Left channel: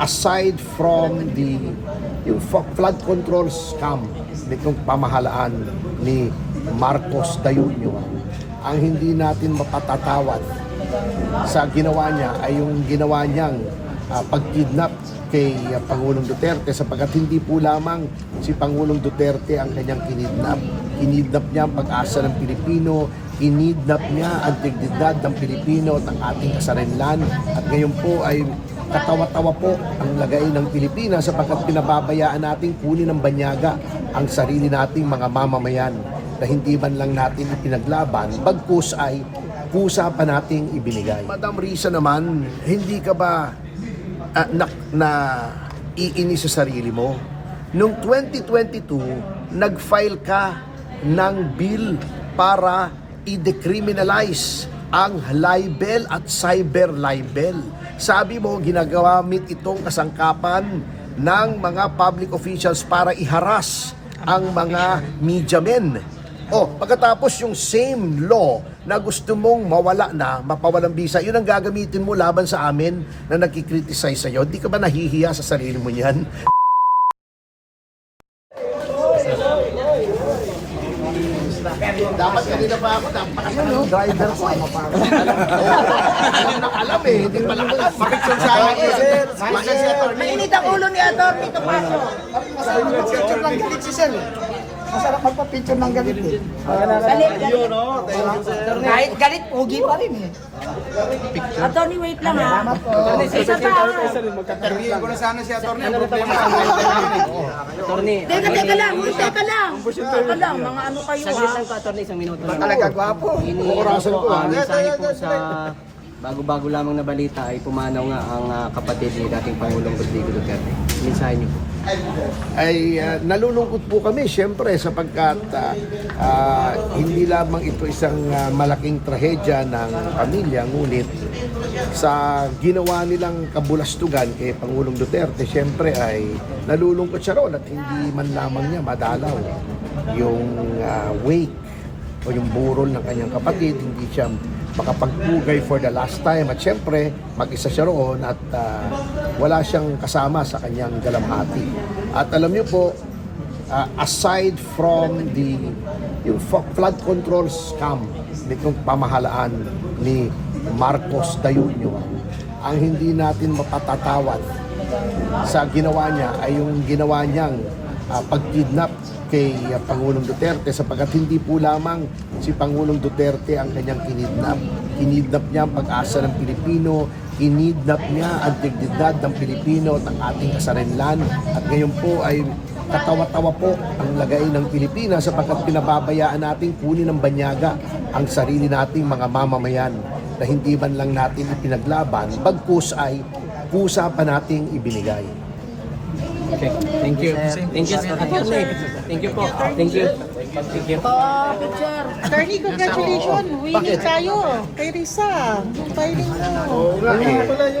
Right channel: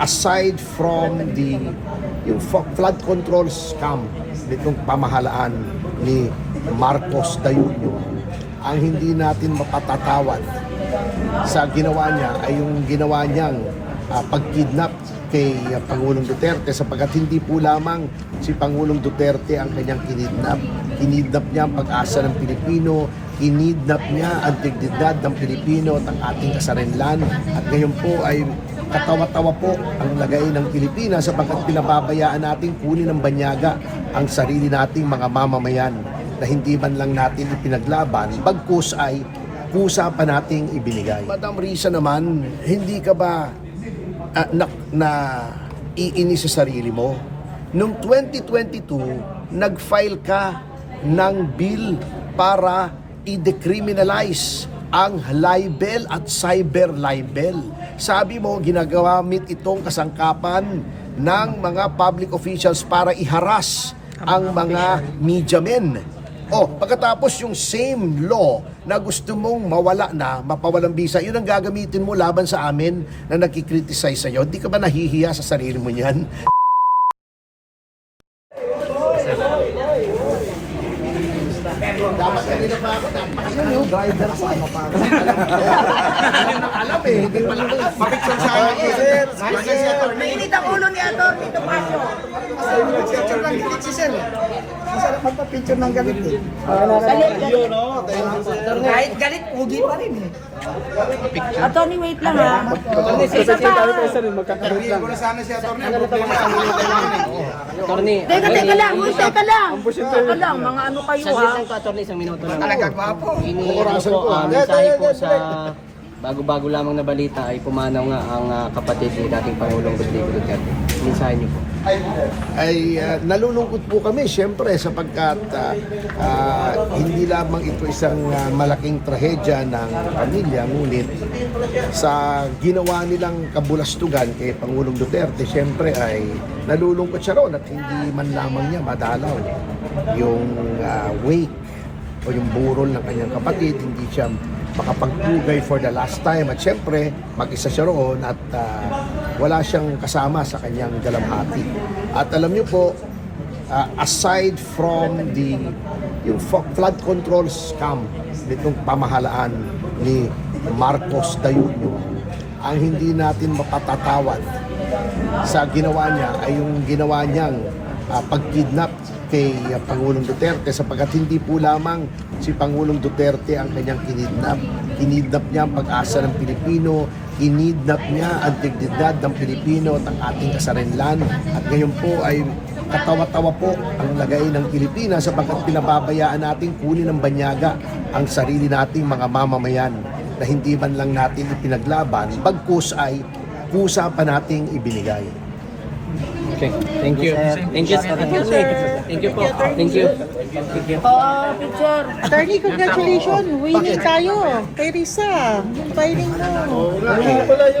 aside from yung flood control scam nitong pamahalaan ni Marcos Jr., ang hindi natin mapatatawad sa ginawa niya ay yung ginawa niyang pagkidnap kay Pangulong Duterte, sapagkat hindi po lamang si Pangulong Duterte ang kanyang kinidnap. Kinidnap niya ang pag-asa ng Pilipino, kinidnap niya ang dignidad ng Pilipino at ang ating kasarinlan. At ngayon po ay katawa-tawa po ang lagay ng Pilipinas sapagkat pinababayaan nating kunin ng banyaga ang sarili nating mga mamamayan na hindi man lang natin ipinaglaban, bagkus ay kusa pa nating ibinigay. Madam Risa naman, hindi ka ba na iinis sa sarili mo? Noong 2022, nag-file ka ng bill para i-decriminalize ang libel at cyber libel. Sabi mo, ginagamit itong kasangkapan ng mga public officials para iharas ang mga media men. Pagkatapos yung same law na gusto mong mawala na, mapawalang bisa, yun ang gagamitin mo laban sa amin na nagkikriticize sa'yo. Di ka ba nahihiya sa sarili mo niyan? Dapat kanina pa ako, napakasama driver ko. Alam hindi pala alam. Mapicture sa akin. Mainit ang ulo ni Atty. Topacio. Picture ng galit si Sir. Masarap magpa-picture ng galit eh. Galit. Kahit galit, pugi pa rin eh. Atty. wait lang ha. Isa pa. Interview ko na sana si Atty. Ang problema sa mga Atty. Teka lang. Teka lang. Mga ano kayo ha. Isang minuto lang. Nagkagwapo. Orasan ko, ha? Mensahe po sa bago-bago lamang na balita ay pumanaw nga ang kapatid ni dating Pangulong Rodrigo Duterte. Mensahe niyo po. Ay nalulungkot po kami siyempre sapagkat hindi lamang ito isang malaking trahedya ng pamilya, ngunit sa ginawa nilang kabulastugan kay Pangulong Duterte, siyempre ay nalulungkot siya roon at hindi man lamang niya madalaw yung wake o yung burol ng kanyang kapatid, hindi siya makapagpugay for the last time at syempre mag-isa siya roon at wala siyang kasama sa kanyang dalamhati. At alam niyo po, aside from yung flood control scam nitong pamahalaan ni Marcos Jr., ang hindi natin mapatatawad sa ginawa niya ay yung ginawa niyang pagkidnap kay Pangulong Duterte, sapagkat hindi po lamang si Pangulong Duterte ang kanyang kinidnap. Kinidnap niya ang pag-asa ng Pilipino, kinidnap niya ang dignidad ng Pilipino at ang ating kasarinlan. At ngayon po ay katawa-tawa po ang lagay ng Pilipinas sapagkat pinababayaan nating kunin ng banyaga ang sarili nating mga mamamayan na hindi man lang natin ipinaglaban, bagkus ay kusa pa nating ibinigay. Okay. Thank you. Thank you, Atty. Thank you po. Thank you. Thank you. Picture. Attorney, congratulations! Winning tayo kay Risa. Filing mo.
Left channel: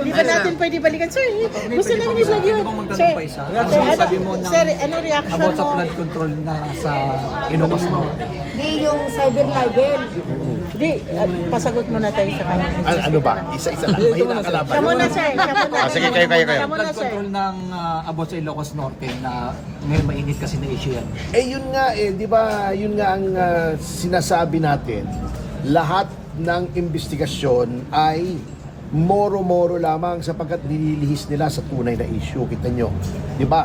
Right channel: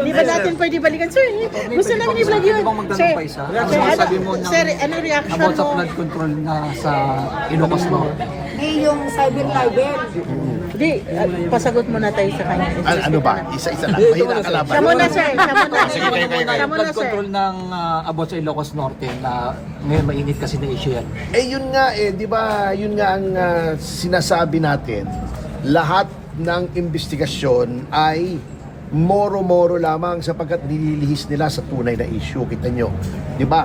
Di ba natin pwede balikan? Sir, gusto namin i-vlog yun. Sir, Ano masabi mo ng sir, ano reaction about sa mo? flood control na sa Ilocos Norte? Di yung cyber libel. Di, pasagot muna tayo sa kanya. Ano ba? Isa-isa lang. Mahina ang kalaban. Siya muna, sir. Siya muna. Sige, kayo. Flood control ng about sa Ilocos Norte na may mainit kasi na issue yan. Yun nga di ba, yun nga ang sinasabi natin, lahat ng investigasyon ay moro-moro lamang sapagkat nililihis nila sa tunay na issue. Kita nyo, di ba?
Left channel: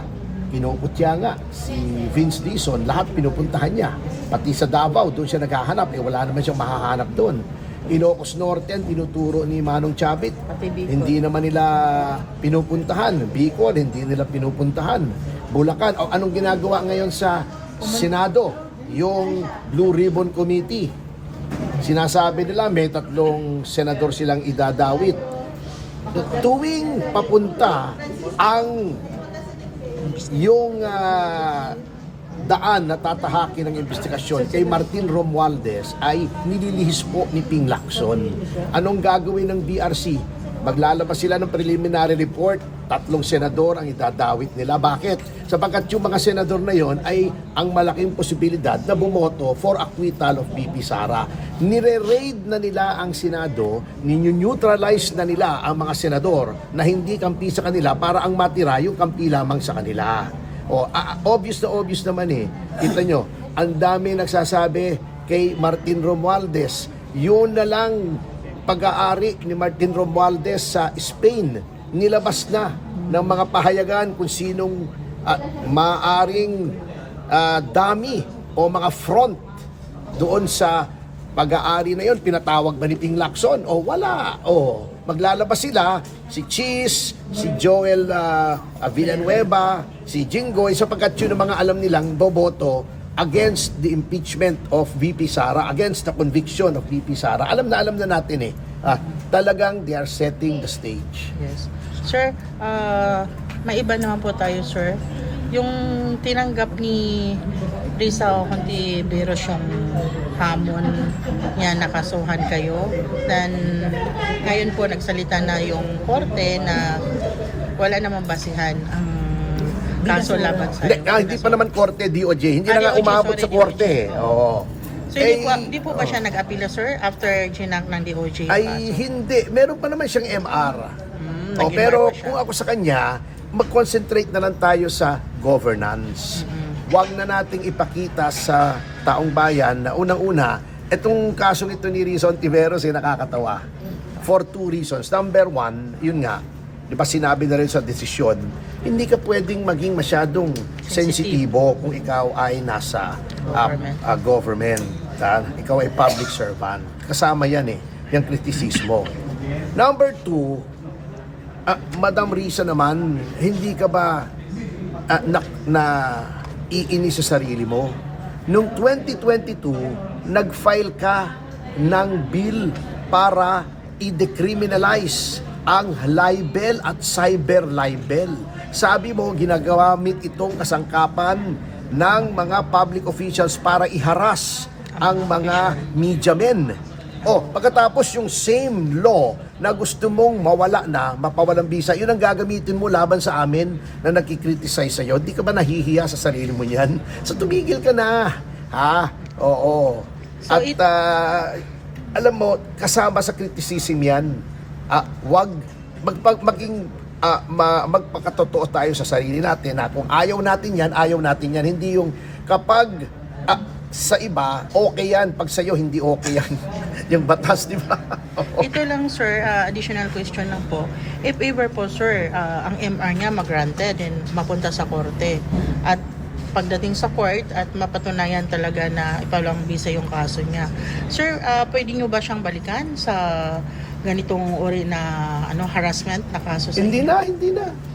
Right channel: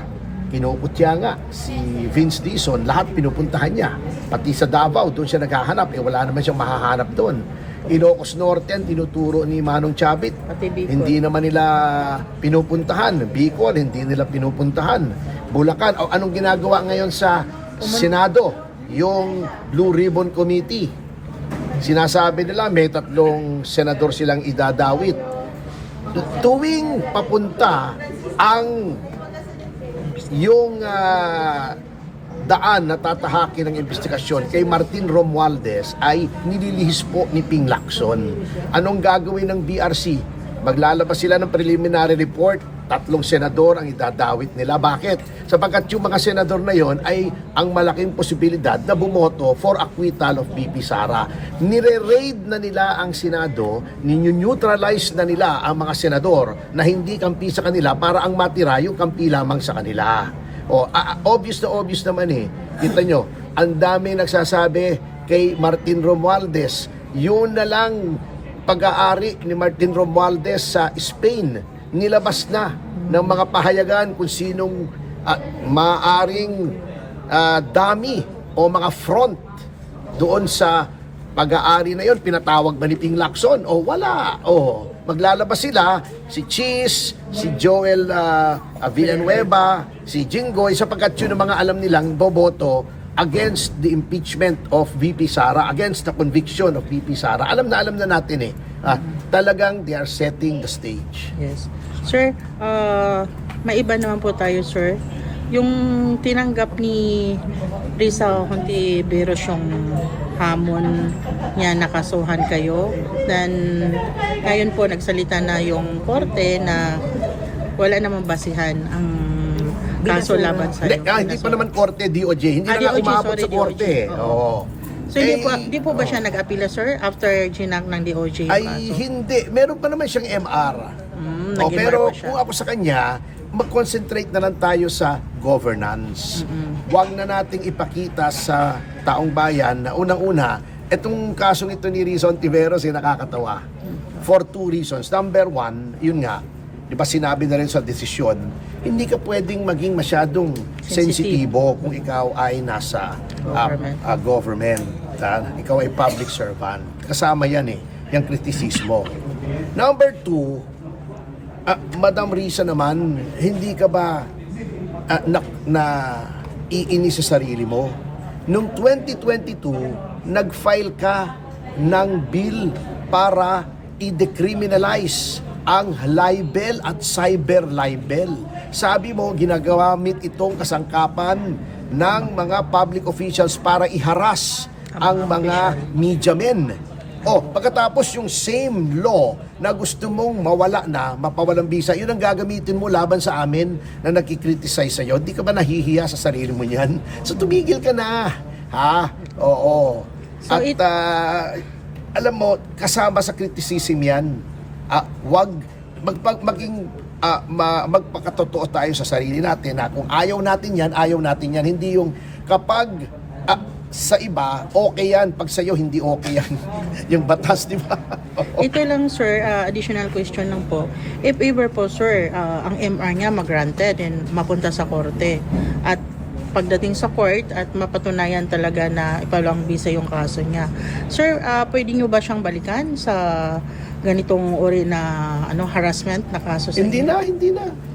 Pinuputya nga si Vince Dizon, lahat pinupuntahan niya. Pati sa Davao, doon siya naghahanap, wala naman siyang mahahanap doon. Ilocos Norte ang tinuturo ni Manong Chavit. Hindi naman nila pinupuntahan. Bicol, hindi nila pinupuntahan. Bulacan, anong ginagawa ngayon sa Senado? Yung Blue Ribbon Committee. Sinasabi nila may 3 senador silang idadawit. Tuwing papunta ang yung daan na tatahakin ng investigasyon kay Martin Romualdez ay nililihis po ni Ping Lacson. Anong gagawin ng BRC? Maglalabas sila ng preliminary report tatlong senador ang idadawit nila. Bakit? Sapagkat yung mga senador na yon ay ang malaking posibilidad na bumoto for acquittal of VP Sara. Nire-raid na nila ang Senado, nineutralize na nila ang mga senador na hindi kampi sa kanila para ang matira yung kampi lamang sa kanila. Obvious naman eh. Kita nyo, ang dami nagsasabi kay Martin Romualdez, yun na lang pag-aari ni Martin Romualdez sa Spain, nilabas na ng mga pahayagan kung sinong maaring dami o mga front doon sa pag-aari na yon. Pinatawag ba ni Ping Lacson? Wala. Maglalabas sila, si Cheese, si Joel Villanueva, si Jinggoy, sapagkat yun ang mga alam nilang boboto against the impeachment of VP Sara, against the conviction of VP Sara. Alam na natin eh. Talagang they are setting the stage. Yes. Sir, maiba naman po tayo, sir. Yung tinanggap ni Risa Hontiveros yung hamon niya, nakasuhan kayo. Then, ngayon po nagsalita na yung korte na wala namang basihan ang kaso laban sa Hindi pa naman korte, DOJ. Hindi na nga DOJ, umabot sorry, sa korte. Oo. So, hindi po ba siya nag-apila, sir, after ginak ng DOJ? Ay, hindi. Meron pa naman siyang MR. nag-MR Pero pa siya. kung ako sa kanya, mag-concentrate na lang tayo sa governance. Huwag na nating ipakita sa taong bayan na unang-una, itong kasong ito ni Risa Hontiveros ay nakakatawa. For two reasons. Number one, yun nga, di ba sinabi na rin sa desisyon, hindi ka pwedeng maging masyadong sensitibo kung ikaw ay nasa government. Ikaw ay public servant. Kasama yan eh, yung kritisismo. Number two, Madam Risa naman, hindi ka ba iinis sa sarili mo? Noong 2022, nag-file ka ng bill para i-decriminalize ang libel at cyber libel. Sabi mo, ginagamit itong kasangkapan ng mga public officials para iharas ang mga media men. Pagkatapos yung same law na gusto mong mawala na, mapawalang bisa, yun ang gagamitin mo laban sa amin na nagkikriticize sa'yo. Di ka ba nahihiya sa sarili mo niyan? So tumigil ka na. Oo. At alam mo, kasama sa criticism yan, wag magpakatotoo tayo sa sarili natin na kung ayaw natin yan. Hindi yung kapag sa iba, okay yan. Pag sa'yo, hindi okay yan. Yung batas, di ba? Ito lang, sir, additional question lang po. If ever po, sir, ang MR niya mag-granted and mapunta sa korte, at pagdating sa court at mapatunayan talaga na ikaw lang bisa yung kaso niya, sir, pwede nyo ba siyang balikan sa ganitong uri na harassment na kaso sa Hindi na.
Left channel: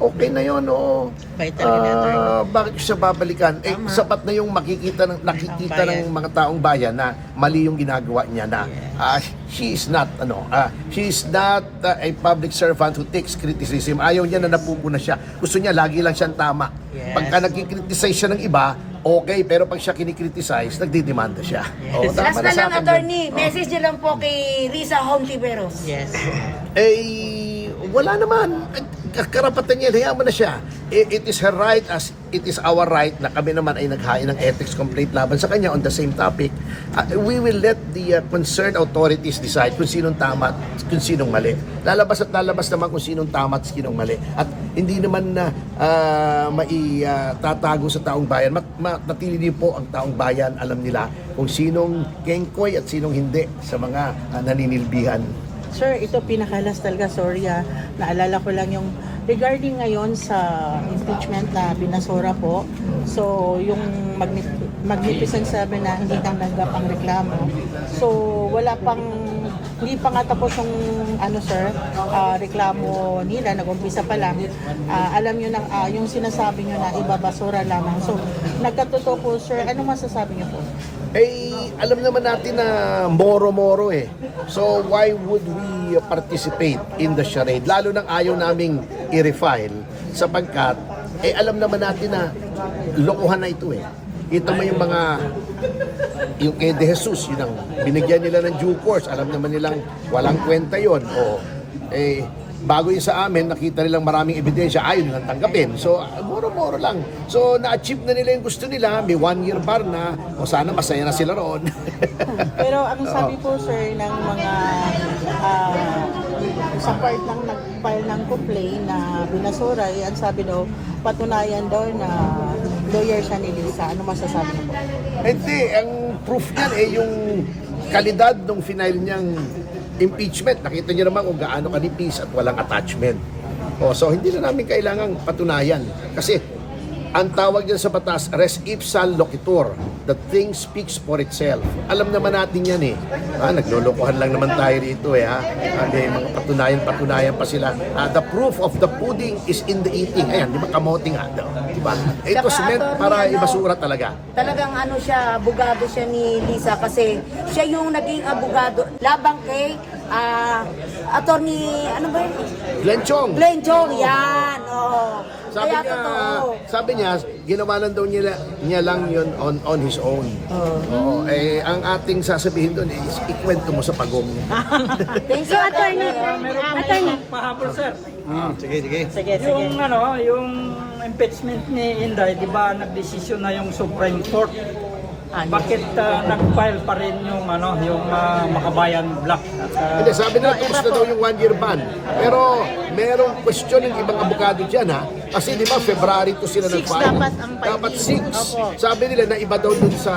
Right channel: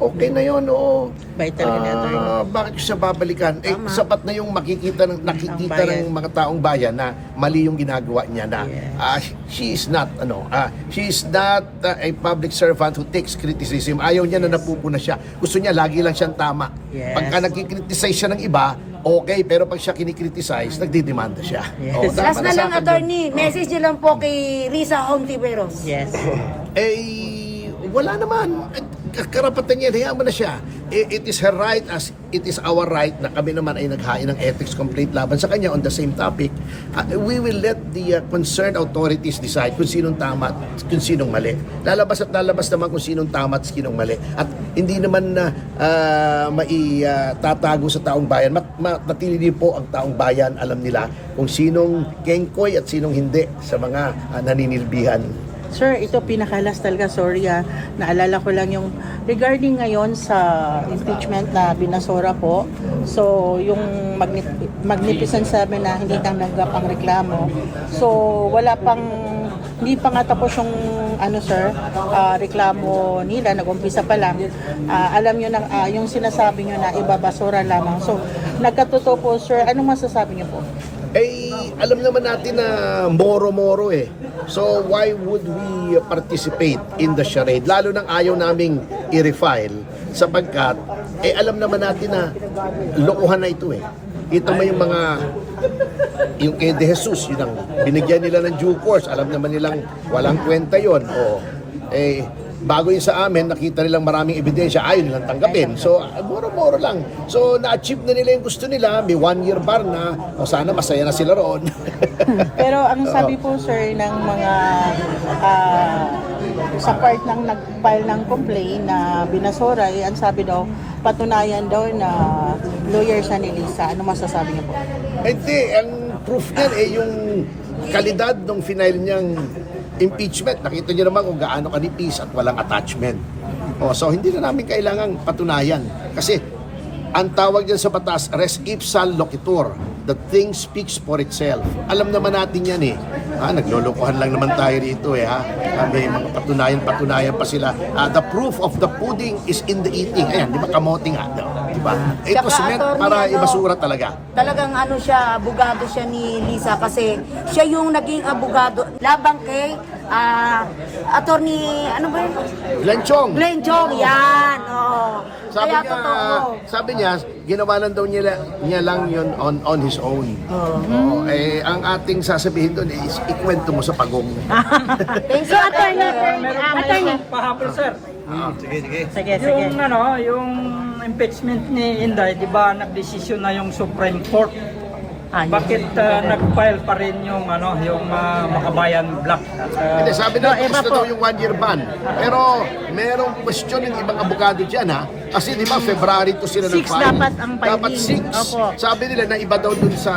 Okay na yun, oo. By terminator. Bakit siya babalikan? Sapat na yung nakikita ng mga taong bayan na mali yung ginagawa niya na she is not a public servant who takes criticism. Ayaw niya na napupuna siya. Gusto niya lagi lang siyang tama. Yes. Pagka nagkikriticize siya ng iba, okay, pero pag siya kinikriticize, nagdidemanda siya. Yes. Last na lang, akin yun. attorney. Message nyo lang po kay Risa Hontiveros. Yes. Wala naman. Karapatan niya, hayaan mo na siya. It is her right as it is our right na kami naman ay naghain ng ethics complaint laban sa kanya on the same topic. We will let the concerned authorities decide kung sinong tama at kung sinong mali. Lalabas naman kung sinong tama at sinong mali. At hindi naman na maitatago sa taong bayan. Matili din po ang taong bayan, alam nila kung sinong kengkoy at sinong hindi sa mga naninilbihan. Sir, ito pinakalas talaga, sorry naalala ko lang yung regarding ngayon sa impeachment na binasura po. So, yung Magnificent 7 na hindi tanggap ang reklamo. So, hindi pa nga tapos yung reklamo nila, nag-umpisa pa lang. Alam nyo na, yung sinasabi nyo na ibabasura lamang. So, nagkatotoo po, sir, anong masasabi nyo po? Alam naman natin na moro-moro eh. So why would we participate in the charade? Lalo nang ayaw naming i-refile sapagkat alam naman natin na lokohan na ito eh. Ito mo yung kay De Jesus, yun ang binigyan nila ng due course. Alam naman nilang walang kwenta yon. bago yun sa amin, nakita nilang maraming ebidensya, ayaw nilang tanggapin. So, moro-moro lang. So, na-achieve na nila yung gusto nila, may 1-year bar na, o sana masaya na sila roon. Pero ang sabi po sir ng mga sa part ng nag-file ng complaint na binasoray, ang sabi daw, patunayan daw na lawyer siya ni Lisa. Ano masasabi niyo po? Hindi, ang proof niyan yung kalidad ng final niyang impeachment. Nakita niyo naman kung gaano kanipis at walang attachment. So hindi na namin kailangang patunayan. Kasi ang tawag dyan sa batas, res ipsa loquitur. The thing speaks for itself. Alam naman natin yan naglolokohan lang naman tayo rito May mga patunayan pa sila. The proof of the pudding is in the eating. Ayan, di ba kamote nga daw? Di ba? Ito meant para ibasura talaga. Talagang abogado siya ni Lisa kasi siya yung naging abogado labang kay attorney, Glenchong. Glenn Chong, yan. Sabi niya, ginawa lang daw niya lang yun on his own. Ang ating sasabihin doon is ikwento mo sa pagong. So, attorney. Pahapon, sir. Yung impeachment ni Inday, di ba nagdesisyon na yung Supreme Court? Bakit nag-file pa rin yung Makabayan Black? Hindi, sabi nila tapos na daw yung 1-year ban. Pero merong question ng ibang abogado dyan Kasi di ba February to sila nag-file. Dapat 6. Sabi nila na iba daw dun sa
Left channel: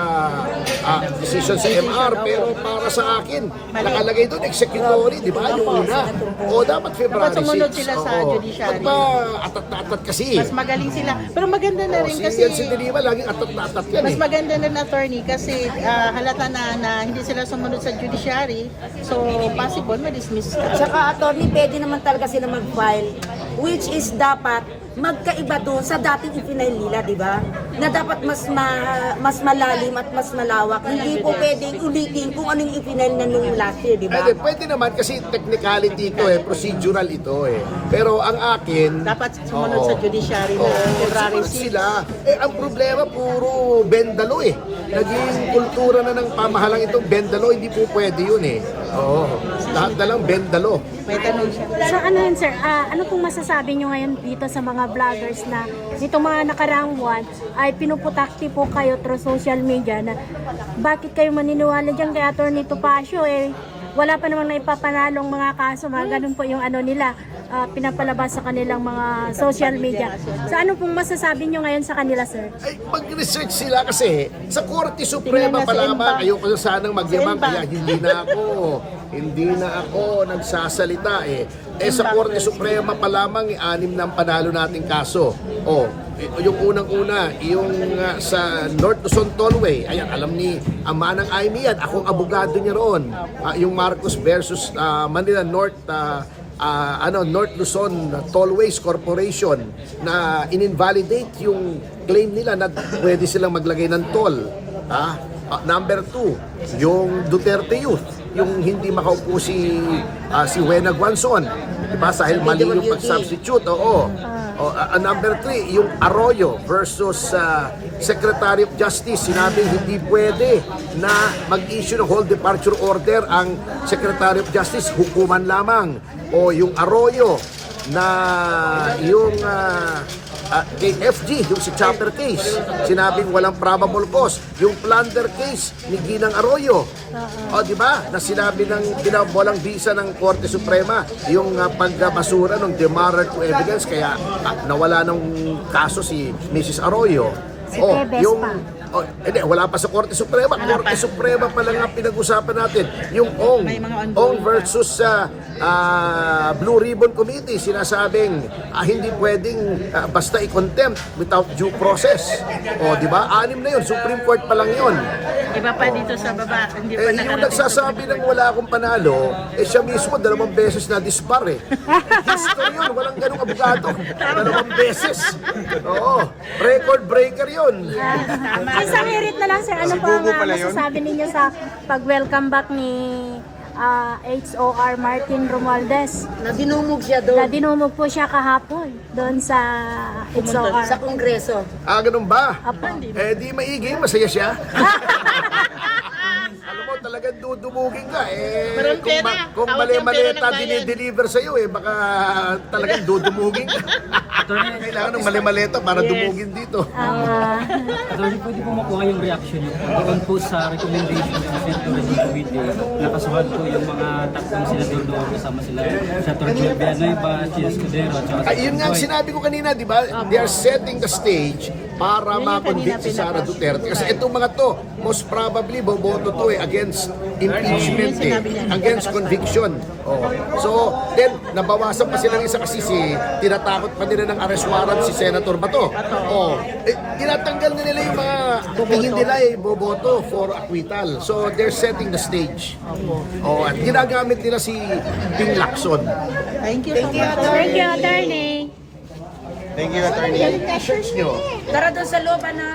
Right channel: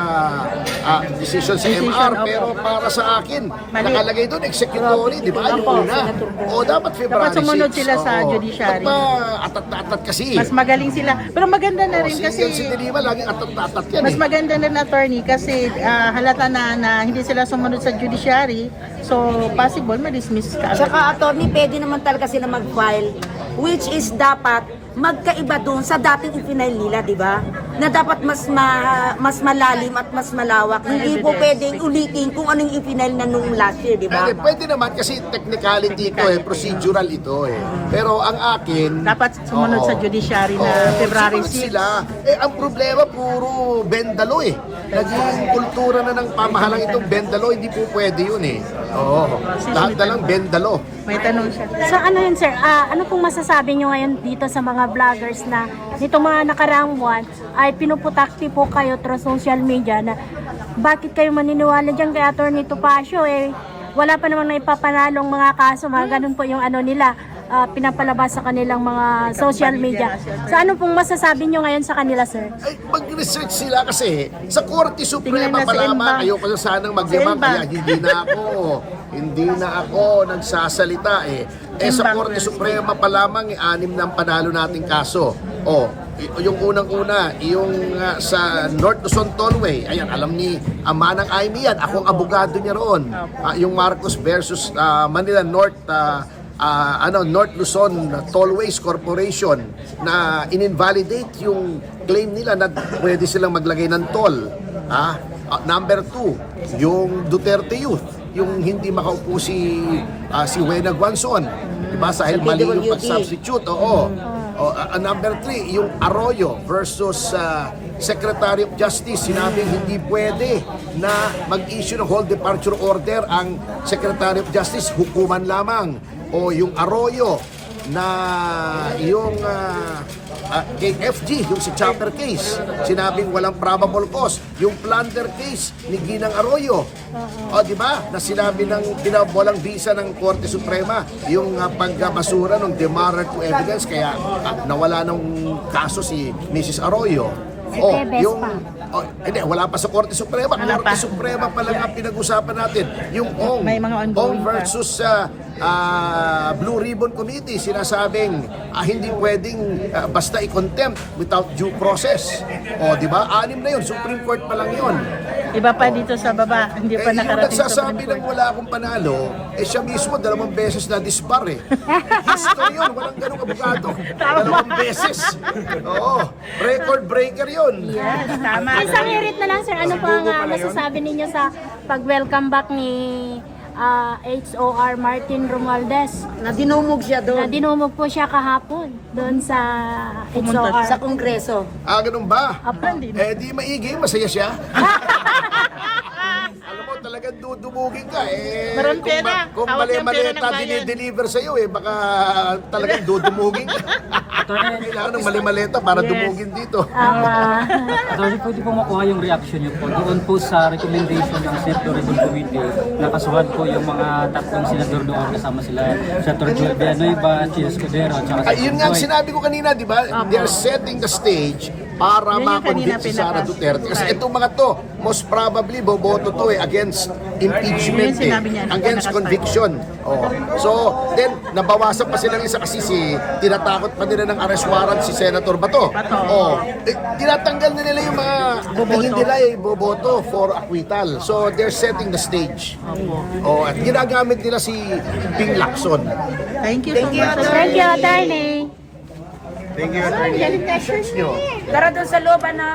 decision sa MR. Pero para sa akin, nakalagay doon executory, di ba? Yung una. Dapat February 6. Sumunod sila sa judiciary. Ba't ba atat-atat kasi? Mas magaling sila. Pero maganda na rin kasi... Si Dilima laging atat-atat yan Mas maganda na attorney kasi halata na hindi sila sumunod sa judiciary. So, possible ma-dismiss ka. Tsaka attorney, pwede naman talaga sila mag-file, which is dapat magkaiba doon sa dating ipinail nila, di ba? Na dapat mas malalim at mas malawak. Hindi po pwedeng ulitin kung anong ipinail na nung last year, di ba? Pwede naman kasi technicality ito procedural ito Pero ang akin... Dapat sumunod sa judiciary na February sumunod 6. sila. Ang problema puro bendalo Naging kultura na ng pamahalang itong bendalo, hindi po pwede yun lahat na lang bendalo. So, ano yun, sir? Ano pong masasabi nyo ngayon dito sa mga vloggers na nitong mga nakaraang buwan ay pinuputakti po kayo through social media na bakit kayo maniniwala dyan kay Atty. Topacio wala pa namang naipapanalong mga kaso, mga ganun po yung nila pinapalabas sa kanilang mga social media. So ano pong masasabi nyo ngayon sa kanila, sir? Ay, mag-research sila kasi sa Korte Suprema pa lamang, ayoko na sanang magyabang, kaya hindi na ako nagsasalita sa Korte Suprema pa lamang 6 na ang panalo nating kaso. Yung unang-una, yung sa North Luzon Tollway, ayan, alam ni Manang Aimee yan, akong abogado niya roon. Yung Marcos versus Manila North North Luzon Tollways Corporation na in-invalidate yung claim nila na pwede silang maglagay ng toll. Number 2, yung Duterte Youth, yung hindi makaupo si Wena Guanzon, diba? Dahil mali yung pag-substitute. Number 3, yung Arroyo versus Secretary of Justice. Sinabing hindi pwede na mag-issue ng whole departure order ang Secretary of Justice, hukuman lamang. Yung Arroyo na yung kay FG, yung sa chopper case, sinabing walang probable cause. Yung plunder case ni Ginang Arroyo, di ba? Na sinabi ng pinawalang visa ng Korte Suprema, yung pagbasura ng demarrer to evidence, kaya nawala ng kaso si Mrs. Arroyo. Hindi, wala pa sa Korte Suprema. Korte Suprema pa lang ang pinag-usapan natin. Yung Ong versus Blue Ribbon Committee, sinasabing hindi pwedeng basta i-contempt without due process. Di ba? 6 na yun. Supreme Court pa lang yun. Iba pa dito sa baba. Hindi pa Yung nagsasabi ng wala akong panalo, siya mismo 2 beses na dispar History yun, walang ganung abogado. 2 beses. Record breaker yun. Isang hirit na lang, sir. Ano po ang masasabi ninyo sa pag-welcome back ni HOR Martin Romualdez? Na dinumog siya doon. Na dinumog po siya kahapon doon sa HOR. Sa Kongreso. Ganun ba? Apo. Di maigi, masaya siya. Alam mo talaga. talagang dudumugin ka. Maraming Kung, pera. kung Hawak mali-maleta ng pera ng bayan. dinideliver sa'yo, baka talagang dudumugin ka. Kailangan ng mali-maleta para dumugin dito. Attorney, pwede po makuha yung reaction niyo po doon po sa recommendation ng Senator Rodrigo Video na kasuhan po yung mga tatlong senador doon kasama sila Senator Joel Villanueva, Chis Escudero at saka Yun nga ang sinabi ko kanina, di ba? They are setting the stage para ma-convict si Sara Duterte. Kasi itong mga to, most probably, boboto to against impeachment against conviction. So, then, nabawasan pa silang isa kasi tinatakot pa nila ng arrest warrant si Senator Bato. Tinatanggal na nila yung mga tingin nila boboto for acquittal. So, they're setting the stage. At ginagamit nila si Ping Lacson. Thank you so much. Thank you, attorney. Search nyo. Tara doon sa loob na